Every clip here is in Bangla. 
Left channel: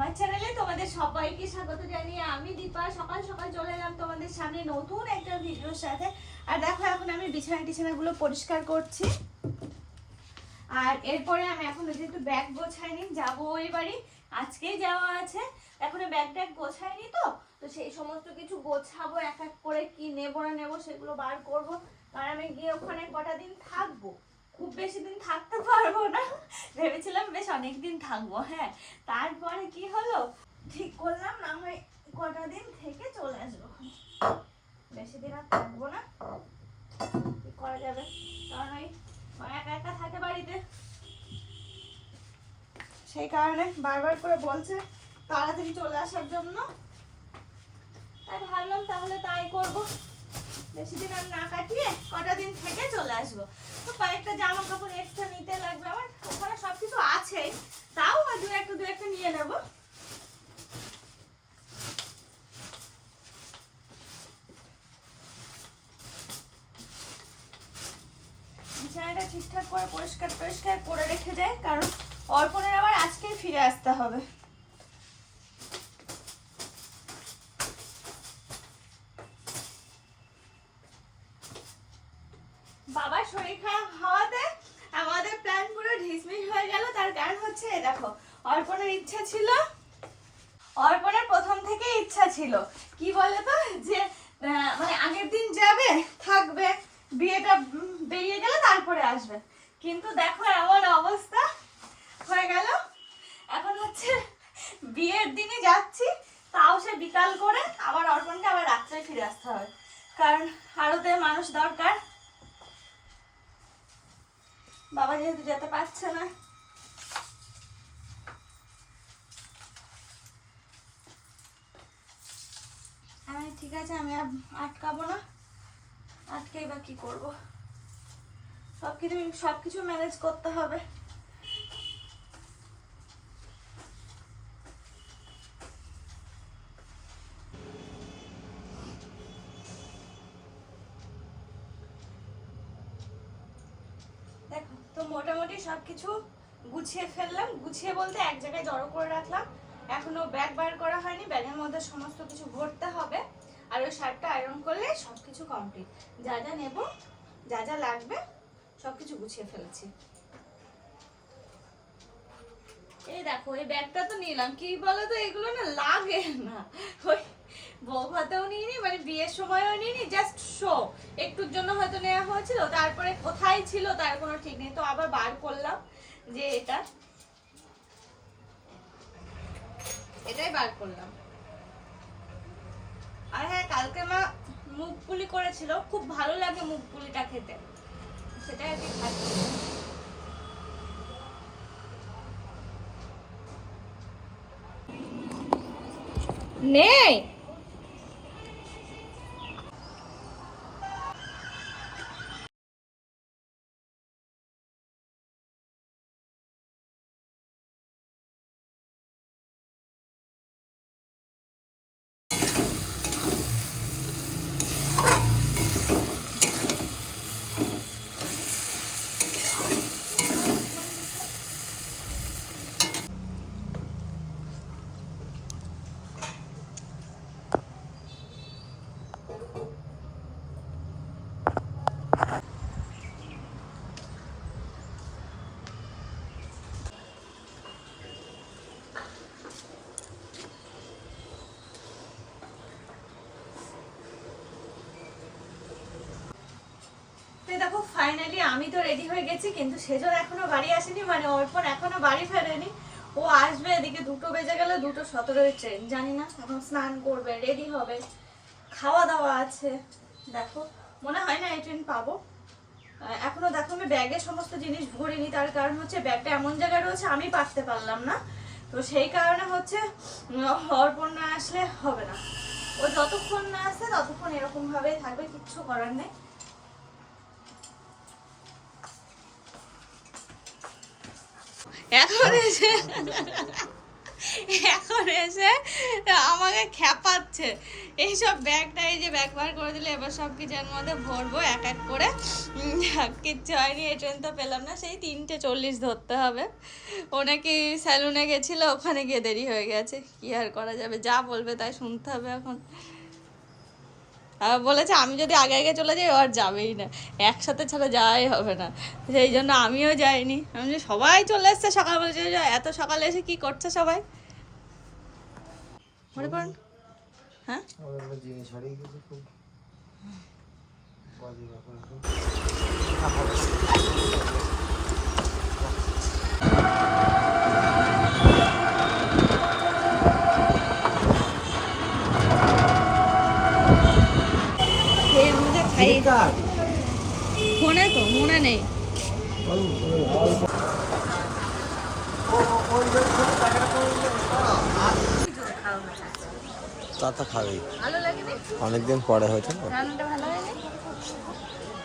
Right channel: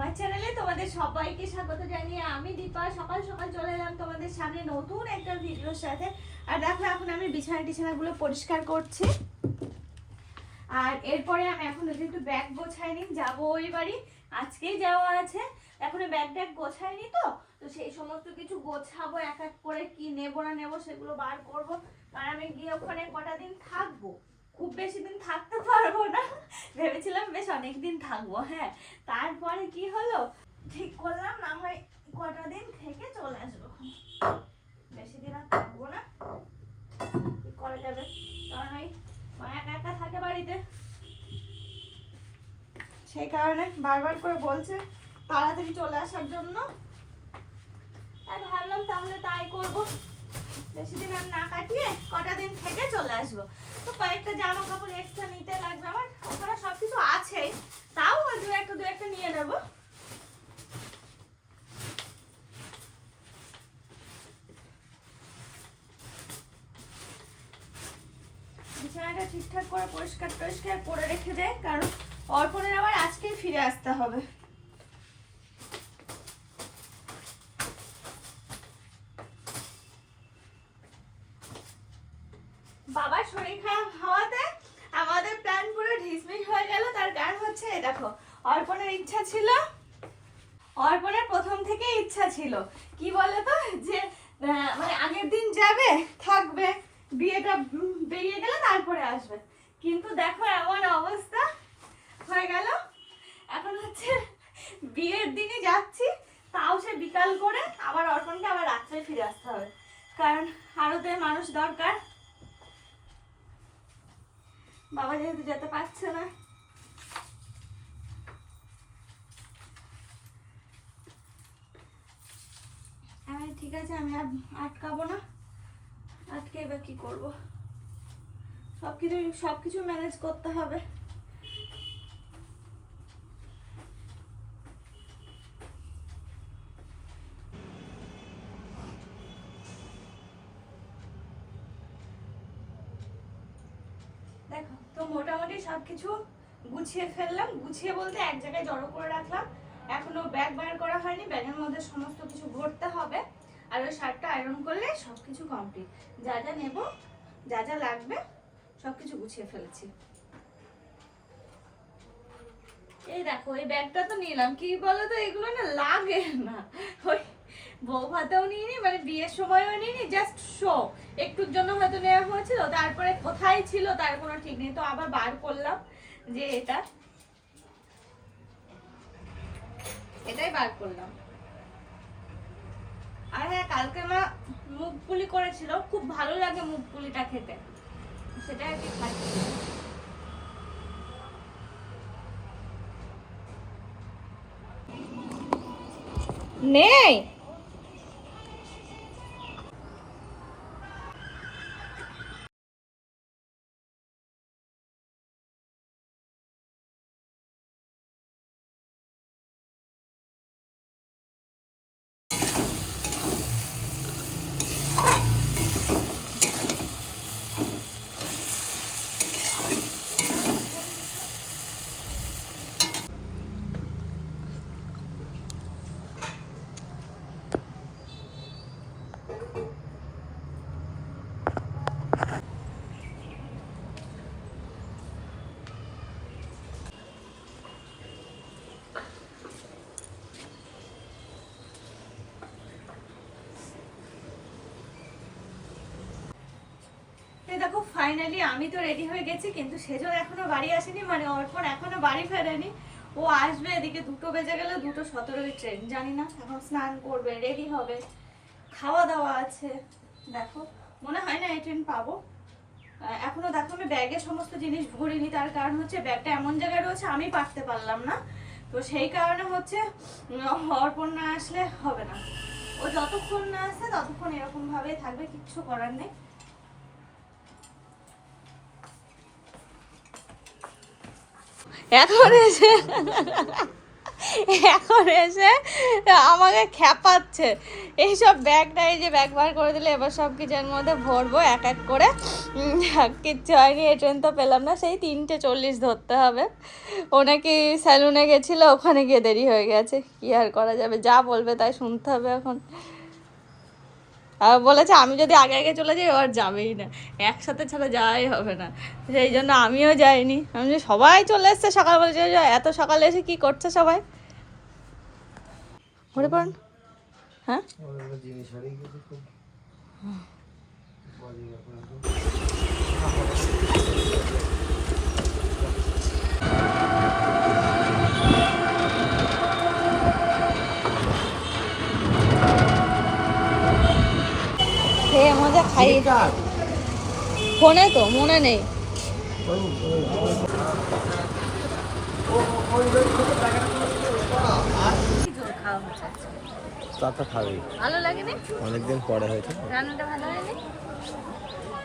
আমার চ্যানেলে তোমাদের সবাইকে স্বাগত জানিয়ে আমি দীপা সকাল সকাল চলে এলাম তোমাদের সামনে নতুন একটা ভিডিওর সাথে। আর দেখো এখন আমি বিছানাগুলো পরিষ্কার করছি। আর এরপরে আমি এখন একটু ব্যাগ গোছাইনি, যাবো ওই বাড়ি, আজকেই যাওয়া আছে। এখন ব্যাগ গোছাইনি, তো সেই সমস্ত কিছু গোছাবো, এক এক করে কি নেবো না নেবো সেগুলো বার করবো। কারণ আমি গিয়ে ওখানে কটা দিন থাকবো, খুব বেশি দিন থাকতে পারবো না, ভেবেছিলাম বেশ অনেক দিন থাকবো। হ্যাঁ, তারপরে কি হলো, ঠিক করলাম না হয় কটা দিন থেকে চলে আসবো, বেশি দিন আর থাকবো না। কি করা যাবে, কারণ ওই মা একা একা থাকে বাড়িতে, সেই কারণে বারবার করে বলছে তাড়াতাড়ি চলে আসার জন্য। তাই ভাবলাম তাহলে তাই করবো, বেশি দিন আর না কাটিয়ে কটা দিন থেকে চলে আসবো। তো কয়েকটা জামা কাপড় এক্সট্রা নিতে লাগবে, আমার ওখানে সবকিছু আছে, তাও ওই দু একটা নিয়ে নেবো। বিছানাটা ঠিকঠাক করে পরিষ্কার করে রেখে যায়, কারণ অর্পণের আবার আজকেই ফিরে আসতে হবে। বাবার শরীর খারাপ হওয়াতে আমাদের প্ল্যান পুরো ঢিসমিস হয়ে গেল। তার কারণ হচ্ছে দেখো, অর্পণের ইচ্ছা ছিল, অর্পণের প্রথম থেকে ইচ্ছা ছিল কি বলতো, যে মানে আগের দিন যাবে, থাকবে, বিয়েটা বেরিয়ে গেলে তারপরে আসবে। কিন্তু দেখো এমন অবস্থা হয়ে গেল, এখন হচ্ছে বিয়ের দিনে যাচ্ছি, তাও সে বিকাল করে, আবার অর্পণকে আবার রাত্রে ফিরে আসতে হবে, কারণ আরতে মানুষ দরকার। বাবা যেহেতু যেতে পারছে না, আমি ঠিক আছে, আমি আর আটকাবো না, আটকে বা কি করবো, সবকিছু ম্যানেজ করতে হবে। দেখো তো মোটামুটি সবকিছু গুছিয়ে ফেললাম, গুছিয়ে বলতে এক জায়গায় জড়ো করে রাখলাম। এখনো ব্যাগ বার করা হয়নি, ব্যাগের মধ্যে সমস্ত কিছু ভরতে হবে। আর ওই শার্টটা আয়রন করলে সবকিছু কমপ্লিট, যা যা নেব, যা যা লাগবে সবকিছু গুছিয়ে ফেলেছি। এই দেখো এই ব্যাগটা তো নিলাম, কি বলতো এগুলো না লাগে না, ওই বউ ভাতেও নিইনি, মানে বিয়ের সময়ও নিইনি, জাস্ট শো একটুর জন্য হয়তো নেওয়া হয়েছিল, তারপরে কোথায় ছিল তার কোনো ঠিক নেই, তো আবার বার করলাম যে এটাই বার করলাম। আর হ্যাঁ, কালকে মা মুগ পুলি করেছিল, খুব ভালো লাগে মুগ পুলিটা খেতে, সেটাই আর কি খাচ্ছি। নেই দেখো ফাইনালি আমি তো রেডি হয়ে গেছি, কিন্তু সেজন এখনো বাড়ি আসেনি, মানে অর্পণ এখনো বাড়ি ফেরেনি। ও আসবে, এদিকে 2টো বেজে গেলে, 2:17 ট্রেন, জানি না, এখন স্নান করবে, রেডি হবে, খাওয়া দাওয়া আছে। দেখো মনে হয় না এই ট্রেন পাবো। এখনো দেখো আমি ব্যাগে সমস্ত জিনিস ভরিনি, তার কারণ হচ্ছে ব্যাগটা এমন জায়গায় রয়েছে আমি পারতে পারলাম না, তো সেই কারণে হচ্ছে অর্পণ না আসলে হবে না। ও যতক্ষণ না আসে ততক্ষণ এরকম ভাবেই থাকবে, কিচ্ছু করার নেই। এখন এসে এখন এসে আমাকে খ্যাপাচ্ছে এইসব ব্যাগটা, এই যে ব্যাগ বার করে দিলে এবার সব কিছুর মধ্যে ভরবো এক এক করে। কিচ্ছু হয়নি, এই ট্রেন তো পেলাম না, সেই 3:40 ধরতে হবে। ও নাকি স্যালুনে গেছিলো, ওখানে গিয়ে দেরি হয়ে গেছে, কি আর করা যাবে, যা বলবে তাই শুনতে হবে এখন। আর বলেছে আমি যদি আগে আগে চলে যাই ও আর যাবেই না, একসাথে ছাড়া যাওয়াই হবে না, সেই জন্য আমিও যাইনি। আমি যে সবাই চলে এসছে সকাল, বলছে এত সকালে এসে কি করছে সবাই, মনে পড়ুন। হ্যাঁ ফোনে তো মনে নেই। তা তো খাবেই, ভালো লাগেনি, অনেকদিন পরে হয়েছে। রান্নাটা ভালো হয়নি,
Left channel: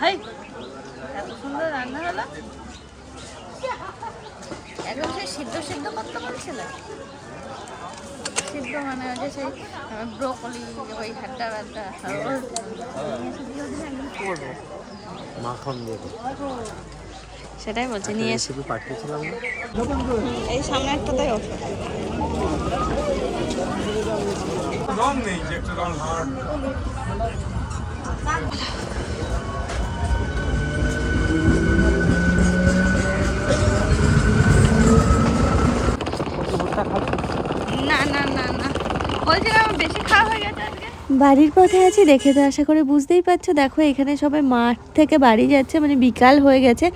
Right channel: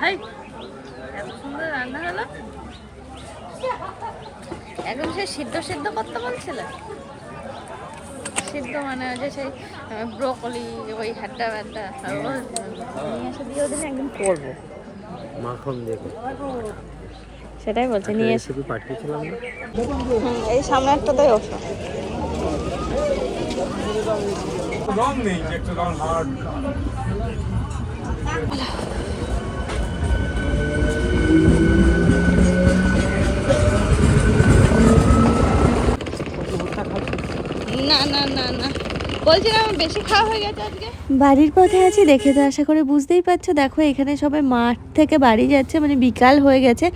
হাই এত সুন্দর রান্না হলো। একদম সে সিদ্ধ সিদ্ধ করতে বলছিল, সিদ্ধ মানে যে সেই ব্রোকলি ওই হাড্ডা ব্যাড্ডা ওর নিয়ে এসে দিয়ে দিলে একদম করবো মাখন দেবো, সেটাই বলছে নিয়ে এসে পাঠিয়েছিলাম না এই সামনেরটাতেই না না না না বলছিলাম বেশি খাওয়া হয়ে গেছে। বাড়ির পথে আছি দেখে তো আশা করে বুঝতেই পারছো। দেখো এখানে সবাই মাঠ থেকে বাড়ি যাচ্ছে, মানে বিকাল হয়ে গেছে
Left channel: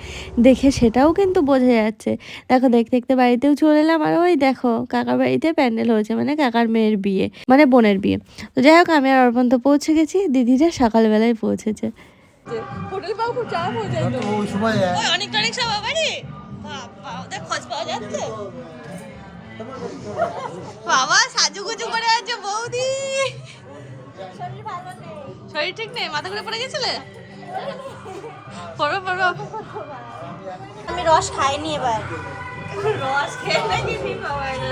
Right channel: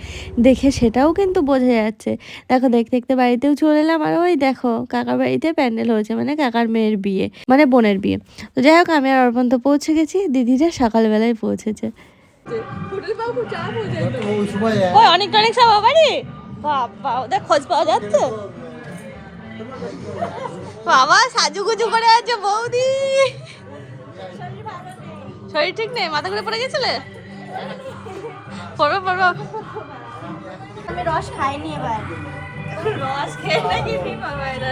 দেখে সেটাও কিন্তু বোঝা যাচ্ছে। দেখো দেখতে দেখতে বাড়িতেও চলে এলাম, আর ওই দেখো কাকার বাড়িতে প্যান্ডেল হয়েছে, মানে কাকার মেয়ের বিয়ে, মানে বোনের বিয়ে। তো যাই হোক আমি আর অর্পণ তো পৌঁছে গেছি, দিদিরা সকালবেলায় পৌঁছেছে। অনেক অনেক সব বাড়ি বাবা, ওদের খোঁজ পাওয়া যাচ্ছে। বাবা সাজুগুজু করে আছে বৌদি, শরীর ঠিক নেই, মাথা ঘুরে পড়ে গেছিলে, পড়ো পড়ো। আমি রস খাইনি এবার, রস খেয়ে নাকি ঠিক হবে। এটা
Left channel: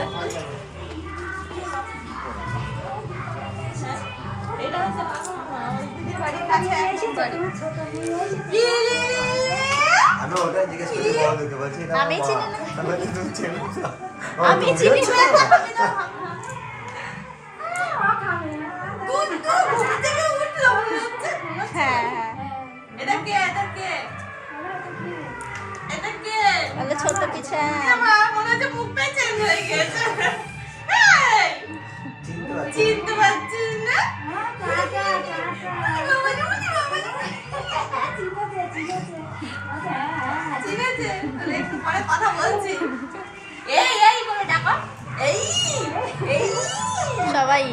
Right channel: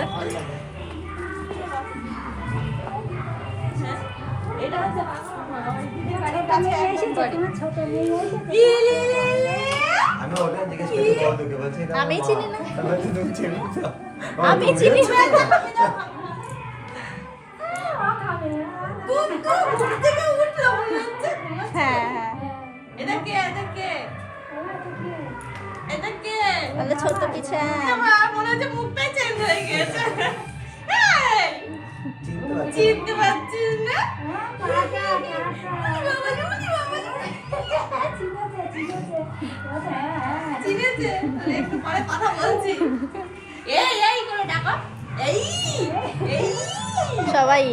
হচ্ছে দিদির বাড়ির কাছে একদম বাড়ি। আমি চিনি না, আমি চিনি না। হ্যাঁ ছোট পিছা মনে হচ্ছে মুখটাই চেঞ্জ হয়ে গেছে, চিনতে পারছিস না? চিনেছে, একটু পরে কথা বলছি। এই এই করে ডাকো, এই এই সবাই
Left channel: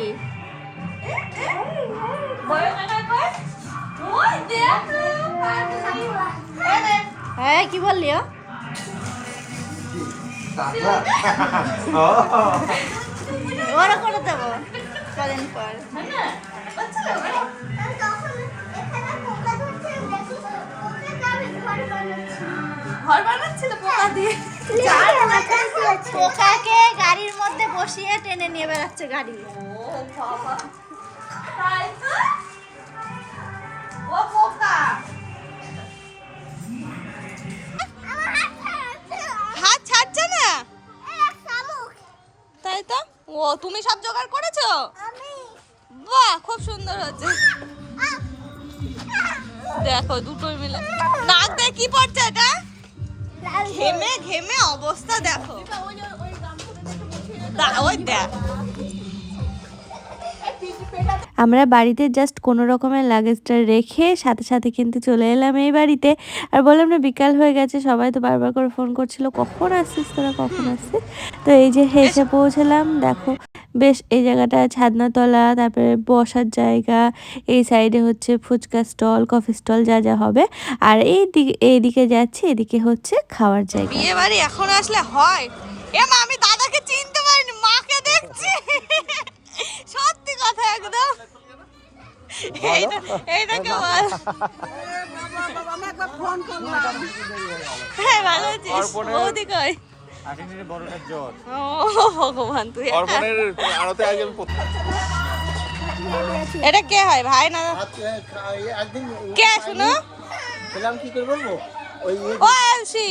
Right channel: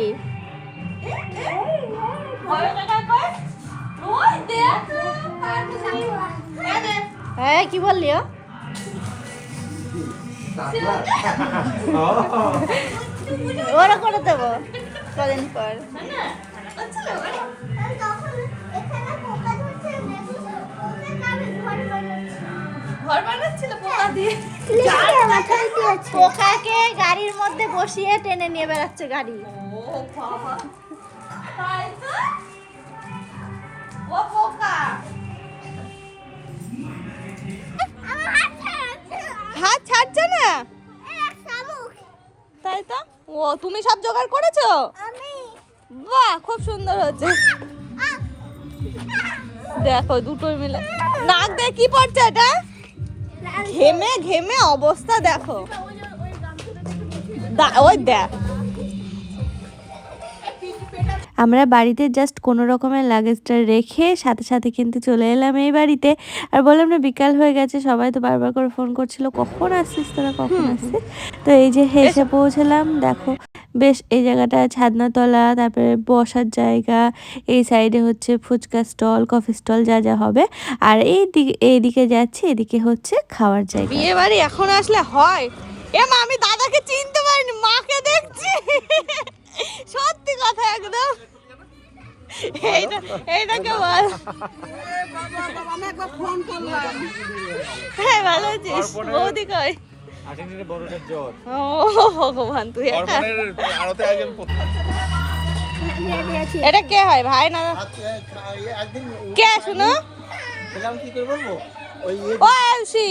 হ্যাঁ কি বললি? ওরা করে দেবো কদিন পর। পোকাকে গাড়ির মধ্যে বসিয়ে টেনে নিয়ে বেড়াচ্ছে গাড়ি। হাত ছাড়ছে না, তাই তো। ও তুমি সব জোগাড় করেছো? বাহ খুব সুন্দর হচ্ছে, দেখো দুটোই মিলে। নাক দিয়ে কি পড়ছে এটা? ঘেমে ঘেমে অবস্থা দেখো, ওই দেখ। আমরা বাড়িতে জাস্ট কোনো রকমের লাগেজটা রেখে সাথে সাথে কিন্তু চলে এলাম এই বাড়িতে। আর বললাম না বিকাল হয়ে গেছে, সবাই তো বারবার করে ফোন করছিল কখন আসছিস তোরা, কখন আসছিস। তো এই যে হেসে পৌঁছলাম। দেখো বেশ এই জায়গাটা ছাদনাতলা, তারপরে বসার জায়গা, এই সাইডে হচ্ছে ফুচকা স্টল, কফি স্টল, যা যা হবে। আর এইদিকে যাচ্ছে, এদিকে হচ্ছে খাওয়ার জায়গা। বিয়ে বাড়ি এখন আসলে হয়। এ মা আমি দাদাকে চিনতে পারিনি, মাকে দেখছি। সত্যি কথা একদম। এইটাকে বল। হ্যাঁ ভালো আছিস? বৌদি কই? আসেনি বড়টার জ্বর ও ভগবান তুই একটা আরতে আজ আমি এটা কে হয় ভাই না কে শুনো খেলাম কি করে বলবো ওই ও এলসি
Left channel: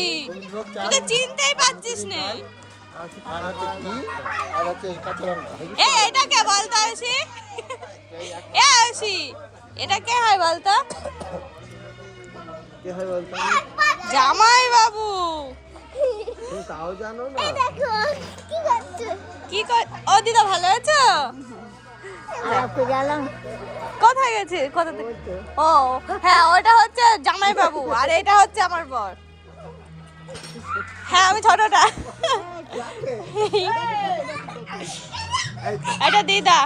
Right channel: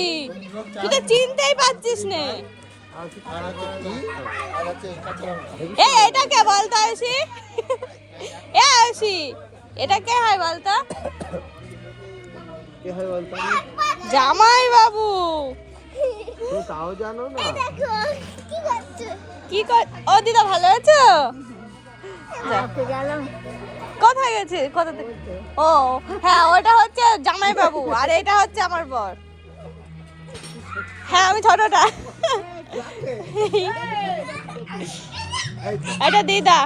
তুই তো চিনতেই পারছিস না এই এটা কে বলতো এলসি এ এলসি এটা কে হয় বলতো কে হয় বলতো জামাই বাবু তুমি তাও জানো না কি কর ও দিদা ভালো আছো কোথায় গেছে কোথা থেকে ও হ্যাঁ ওটা হচ্ছে জামাই বাবু আর এটা হচ্ছে আমার বর হ্যাঁ আমি ছোটটা এটা দিদা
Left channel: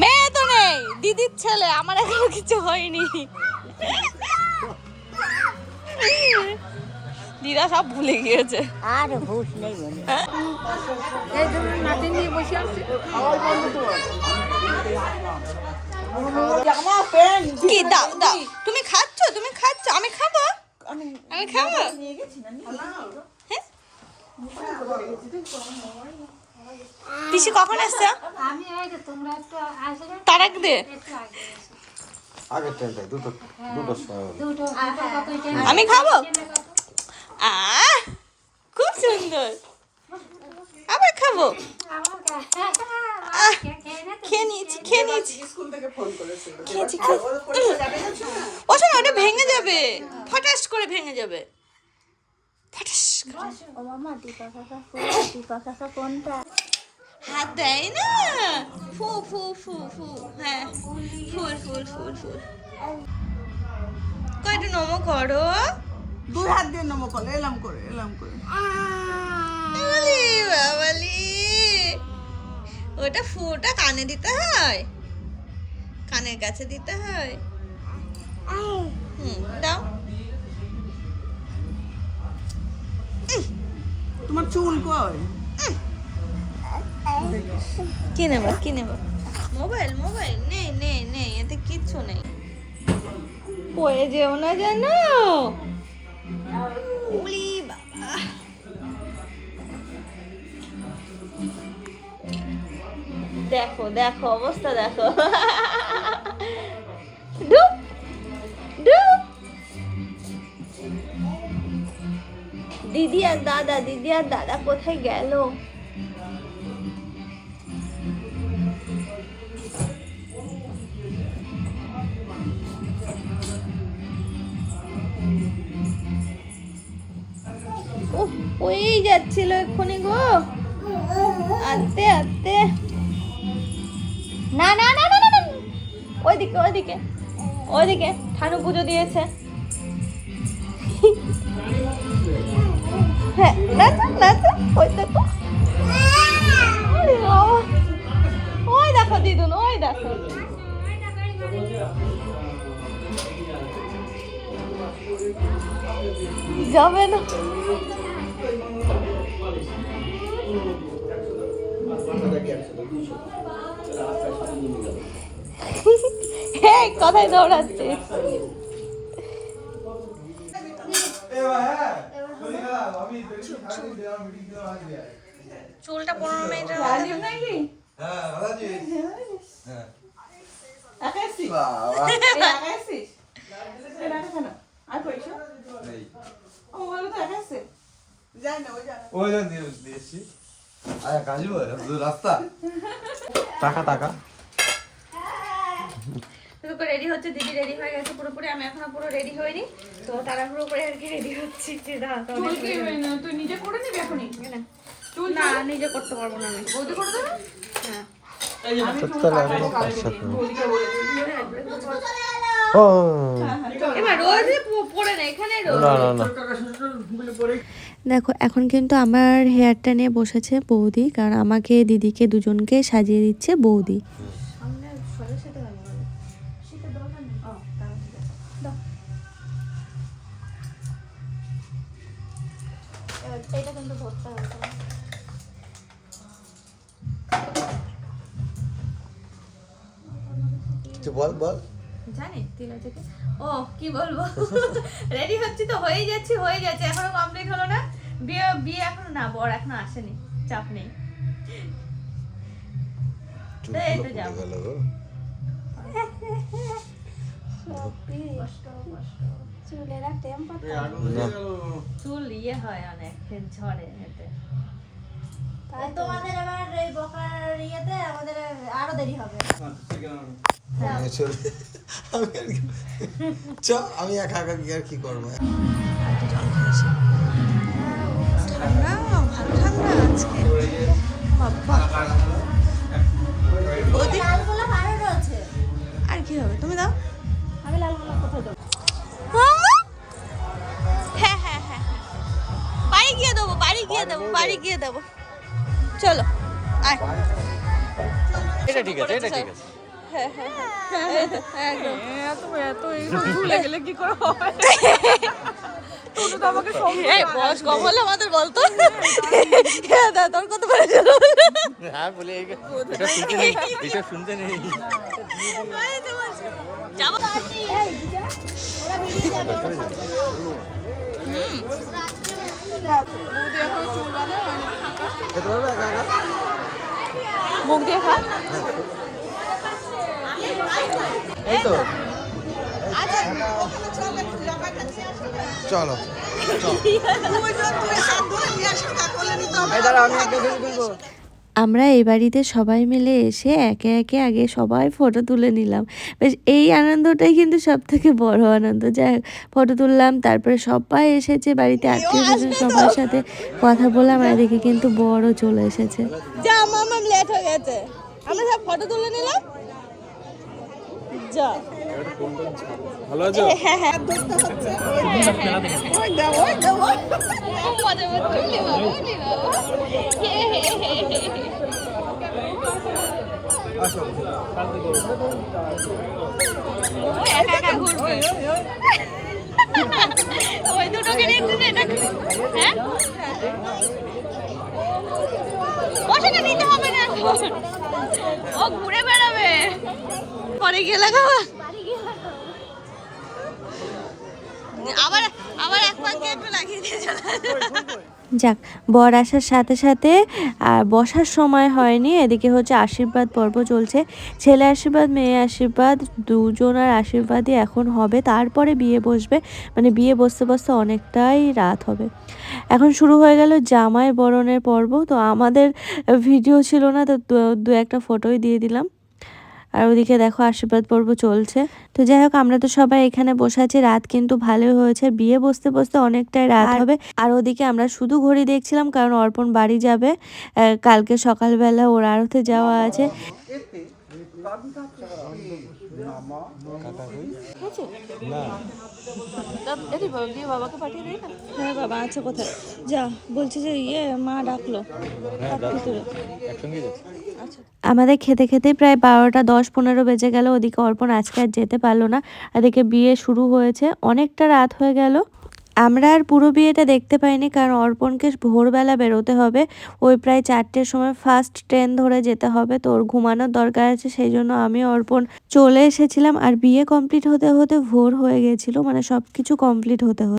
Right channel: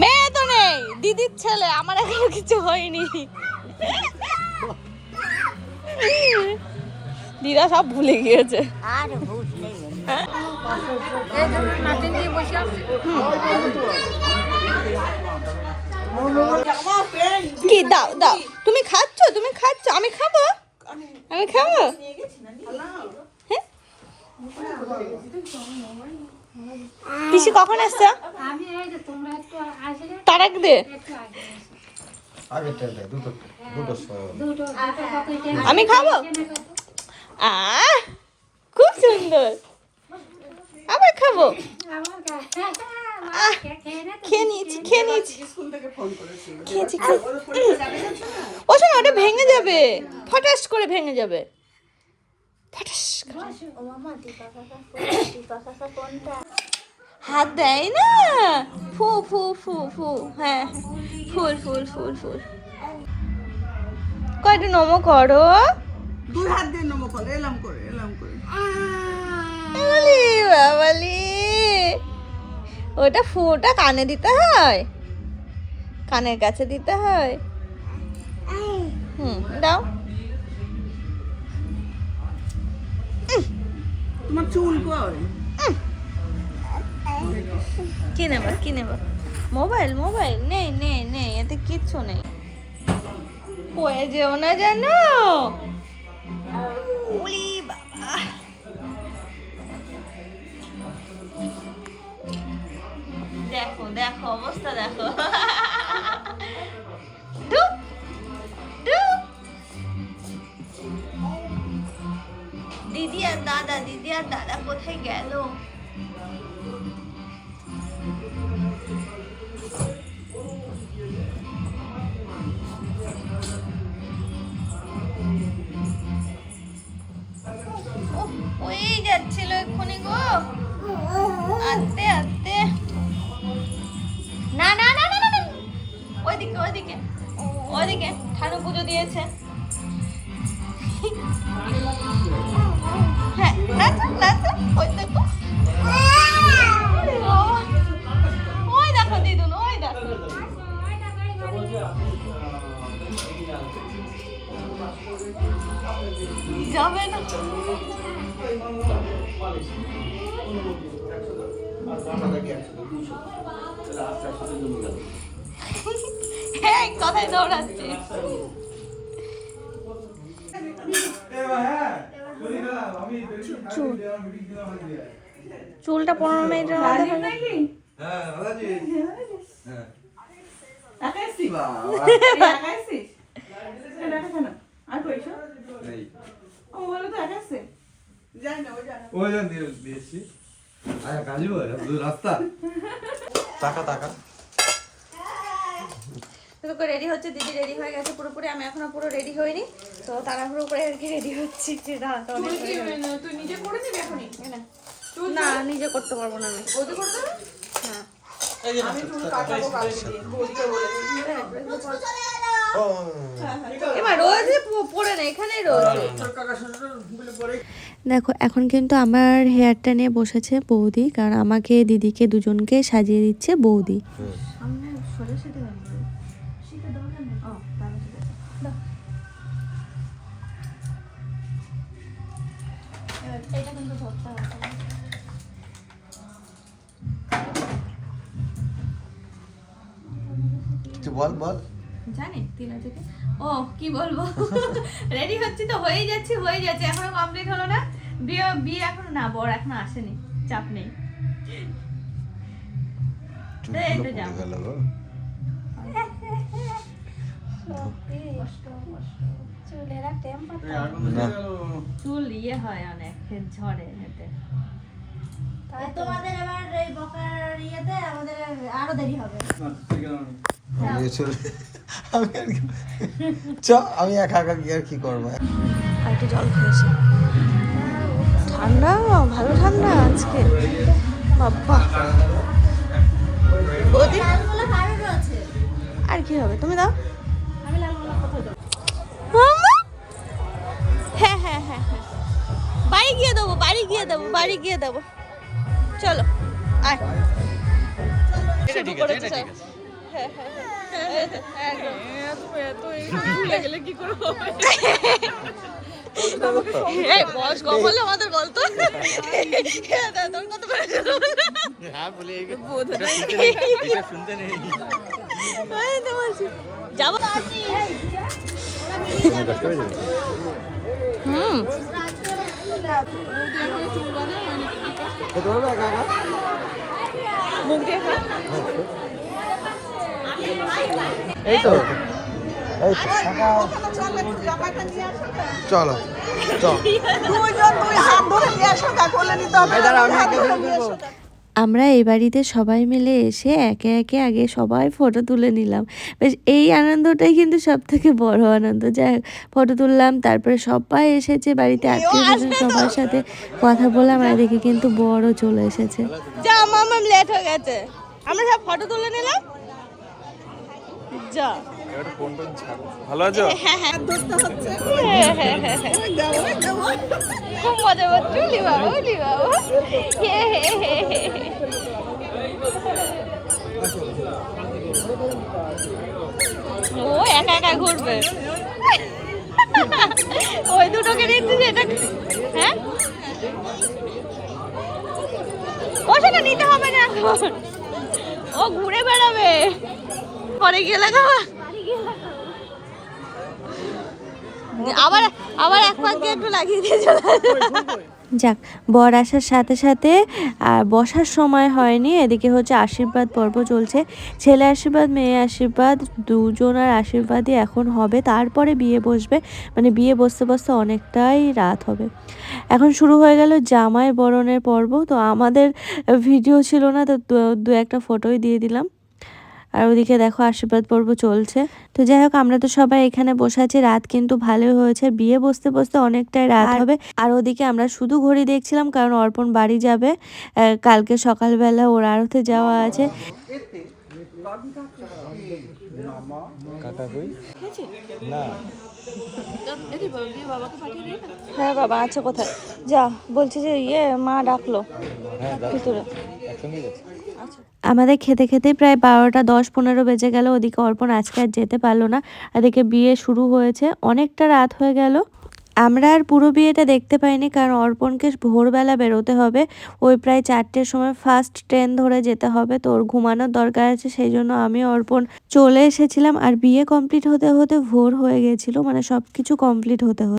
মেয়ে তো নেই দিদির ছেলে আমার এখনো কিছু হয়নি দিদা সব ভুলে গিয়েছে কি দাও দাও তুমি খাচ্ছ আমি খাবো হ্যাঁ? পিসি কখন আসছো তারাক দে আগে তেল দুটো আমি খাবো খুব সুন্দর আবার খাবো খেয়ে নিয়েছি ও শোনো ওটা ভেঙে যাবে ফটাস করে ভেঙে যাবে ফটাস করে। হাত দেয় না ফু ফু ফু ফু হ্যাঁ ফুল কয়টা নমো করো দুই হাত দিয়ে নমো করে এলাম করে বাবালি ওটা ফুটা কানে দিতে হয় কানের কাছে দিতে হয় দাও তোমার চুল কই কি নেবা মোবাইল নেই এতে কিচ্ছু নেই পড়ে যেও না জানো উলি বাবা দেখো অবস্থা দেখো ডুব দিদি আর দাদা কোথায় গেল ওই যাচ্ছিল এক্ষুনি গো আস্তে না ওইদিকে ঠানু পুজো দিয়েছে হ্যাঁ নাচো ওই দেখো ওই দেখো দিদুন ওই দেখো যাবে না কোথায় দৌড়াচ্ছিস চুলটা 15 মিনিটের মধ্যে টাকা তো রেডি হচ্ছে দিদি রেডি হয়ে গেছে পুরোপুরি আমি এখনো পুরো রেডি হইনি তো তাড়াহুড়ো করে আর কি রেডি হচ্ছে তুই নিজে করে নিবি এখনই না নিজে করতে পারবো না আমি বৌদি করে দেবে হ্যাঁ আমি চুল কাটাবো কালকে দিন বৌদিকে বলে দিই এবার রোজ পরে না এখানে রোজ দেখো এখন কিন্তু আমার হেয়ারটা নিয়ে বসেছে বৌদি, কারণ আমাকে দিদিকে দুজনকে সাজিয়ে দিচ্ছে বৌদি। সামনে সোজা সেটা গেল সেটা দরকার নেই ও তাহলে ঠিক আছে দাও এটা কিন্তু ধরতে হবে কিছু বল জানি তিল আছে কি? ও কি বলবো, রেডি হচ্ছি তো হয়ে যাচ্ছে এখনো কমপ্লিট হলো না। বিয়ে বিয়ে এখনো না, বর এখনো আসেনি, চাপ নেই। এই তো যাবো। চুল ইয়ে হয় অনেক, ঝরে এতে। তোমাদের এবার এই বকার ইয়েতে আমাদের আরো দেরি হবে। আমি একা একা গিয়ে আর কি করবো? আর কি জল খেয়েছি। ঠান্ডা, ভালো ঠান্ডা আজকে বাবা। বৌদি লালগোলা আরো রয়েছে। আর কি হবে, তুমি দাও। আমি লালগোলা কোথায় দেবো? হ্যাঁ হ্যাঁ হ্যাঁ হ্যাঁ, বাড়ি গিয়ে দেবো। চলো আয়। শুরু করেছে সব। হ্যাঁ হ্যাঁ হ্যাঁ, এই তো, একদম। এই বয়স কম হলো আমাদের, বলতো তোর কত বয়স হলো? যাবো। খেতে পারবে একা একা? এই তো, চলো আমরা এই বাড়িতে সবাই মিলে এসে একে একে আগে সবাই ফটো তুলে নিলাম। বেশ এই আনন্দটাই কিন্তু সব থেকে বড় আনন্দ। যাই হোক, ফটো তুললাম, তারপরে সবাই এসেছে বাড়িতে, আত্মীয় স্বজন সবার সাথে কথা বললাম, আর দেখি কিন্তু বড় চলে এসেছে। যা মামাম লেট হয়ে গেছে, আমরা সব ফটো তুলে নিলাম। যা ভালো আছো? হ্যাঁ হ্যাঁ, ধরতে হচ্ছে। ওই দাও খুব মজা হচ্ছে। উলি বাবা হে হে হে হে। আসো। ও একা একা ঘুরবে। ওই দুটোকে দেখছিস এটা? হ্যাঁ, ওটাকে নিতে হবে না, ও ঘুরে বেড়াবে। পরে গিয়ে লাগাবো, আবার আবার এক পাক গিয়ে একটু লাগিয়ে দিয়ে চলে আসবো। যাক, বর আসার সাথে সাথে আর বসার সময় হয়নি, এদিকে হচ্ছে আশীর্বাদ পর্ব চলছে। ছেলে আশীর্বাদ, মেয়ে আশীর্বাদ, দুজনের আশীর্বাদই এখন হবে, তারপরে বিয়ে বসবে। মানে বিয়ে বসতে বসতে অনেকটাই রাত হবে। এখন শুরু হয়ে গেল জামাই বরণের পর্ব। তো আমাদের ভিডিও ছিল না, তো দু একটা ফটোই দিয়ে দিলাম। আর ওদিকে দেখো আশীর্বাদ পর্ব চলছে। তো যাই হোক, আমরা তো সবাই এখানে বসে আছি। রাত কিন্তু ভালোই হয়েছে, বিয়ে বসতে বসতে অনেকটাই রাত হবে। আর ওদিকে আমরা শুধু ঘড়ি দেখছিলাম, কারণ অর্পণ বাড়ি যাবে, কালকে সকালবেলা ওর আড়তে যাওয়া আছে। হ্যাঁ বাবা আছে কোথায়, যা বলছি যে ইয়ে মা ডাকলো ভিতরে। আমাদের খেতে খেতে প্রায় 12টা 10-15 বেজে গেল। ওদিকে অর্পণ আজকে আর যেতে পারলো না, এদিকে বিয়ে শুরু হয়েছে, অনেকটা রাত হয়ে গেল। আমরা আর পুরো বিয়েটা দেখতে পাইনি, কারণ অর্পণকে ভোরবেলা বেরোতে হবে। ওই প্রায় 4টের সময় ফার্স্ট ট্রেন ধরে যেতে হবে, তো ওর ঘুমানোর দরকার আছে, সেই জন্য আমি অর্পণ চলে এসেছিলাম। আর বিয়ে কমপ্লিট হতে হতে ভোর হয়ে গেছিলো, মানে সব কিছু কমপ্লিট হতে হতে